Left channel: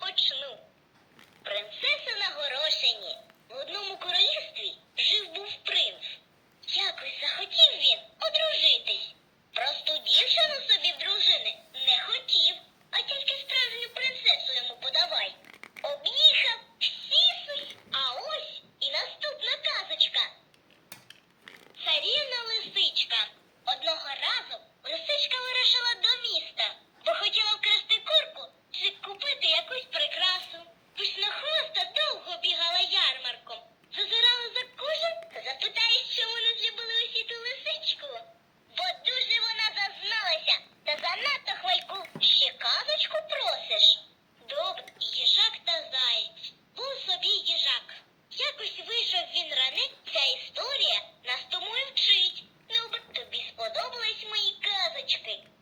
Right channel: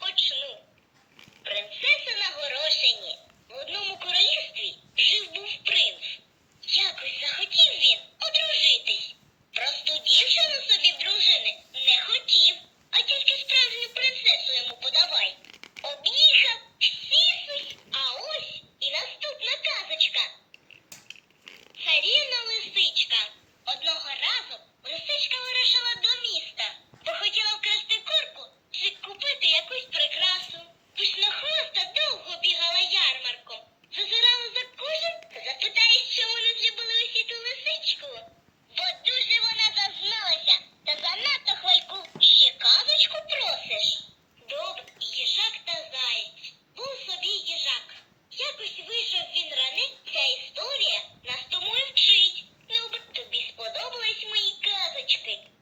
почну. Принцеса на горошині. В одному королівстві жив був принц. Якось захотів він одружитись. Просту дівчину собі в дружини не хотів, а тільки справжню принцесу йому подавай. Об'їхав всі сусі. А ось і наступна казочка. Царівна лисичка. HP.